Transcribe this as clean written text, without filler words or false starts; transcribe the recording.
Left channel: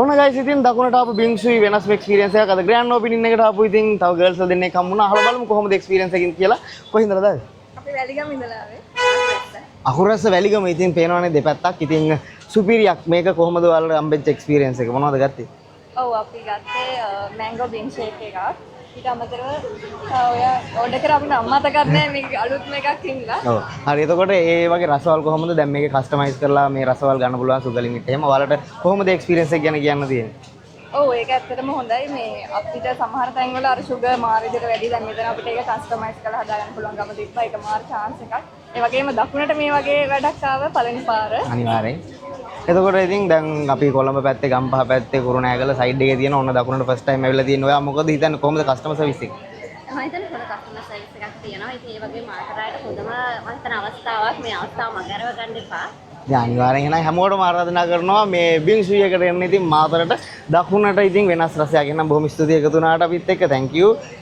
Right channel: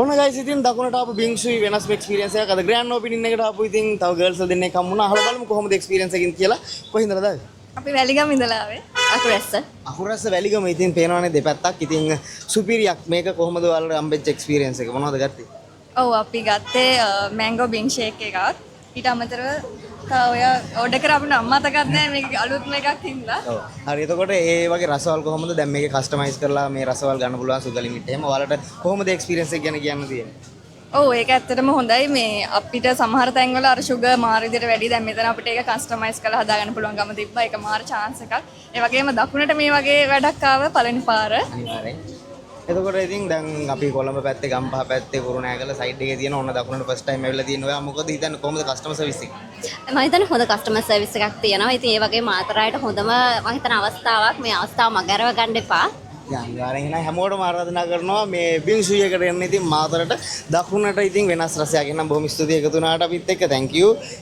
ඔන්න ගයිස් ඉතින් දකුණට ආපු බින්සුයි වෙනස්ම එක්ස්පීරියන්ස් එකක්. අද ග්‍රෑන්ඩ් ඕපනින් එකට ආපු ඉතින් තව ගර්ල්ස් දෙන්නෙක් හම්බ වුණා. අහලා බලමු කොහොමද එක්ස්පීරියන්ස් එකකින් කියලා. කොහින්දද ආවේ? අපි වැලිගම ඉඳලා ආවේ. අකුරැස්ස. අකුරස්ස වැලිගම ඉතින් පේනවනේ දෙපැත්තක්. ඉතින් සුපිරියක්. මේක කොහොමද ඔයාලට හම්බෙච්ච එක්ස්පීරියන්ස් එක? මොනවද ගත්තේ? ඔව් අපි ගත්තේ මැංගෝ බින් ෂේක් එකක්. ඊට අමතරව තව ඔය ඕඩර් කර අපිට අම්මතකත් නෑ මේක අලුත්ම එකක් හින්දා. ඔව්. හරි එතකොට ඒ වගේ රසවල් කොහොමද දැන් මේක කස්ටමයිස් කරලා මේ රසවල් ගන්න පුළුවන් සුග ලිමිට් එහෙම ඔයාලට කොහොමද එක්ස්පීරියන්ස් එක ගැන කියන්න තියෙන්නේ? ඔව් ඒක ඇත්තටම හොඳයි. මේ අපිට සමහර තැන්වල අර sugar මාර විදිහට වැඩි. දැන් මෙතන අපිට ඒක කස්ටමයිස් කරලා හදාගන්න පුළුවන්කම තිබ්බා. ඒක මාර chance එකක්. ඒ වගේම දකුණට මේ වගේ වැඩක් ආවා පළවෙනි පාර. අනිවාර්යෙන්. එතකොට ඉතින් දැන් අපි කොළඹ පැත්තේ ගම්පහ පැත්තේ කුරුණෑගල සයිඩ් එකේ තියෙන ඕන දකුණට ෆස්ට් ටයිම් ඇවිල්ලා තියෙන ඔයා මොකද හිතන්නේ කොහොමද කස්ටමර් සර්විස් එක? මම හිතන්නේ හොඳ කස්ටමර් සර්විස් එකක් තියෙනවා. ඉතින් ඒ වගේ මාතරායට හොඳම මම හිතන අවස්ථාවක් මේ අවස්ථාව මගහැරව ගන්න එපා. දැන් අනිවාර්යෙන් එහෙනම් හැමෝටම ආරාධනා කරනවා මේ බින්සුයි එකට එන්න ඉතින් මාතරට දකුණට ඉතින් වෙනස් රසයක්. එහෙනම් බොහොම ස්තුතියි එකතු වුණාට අපිත් එක්ක. thank you.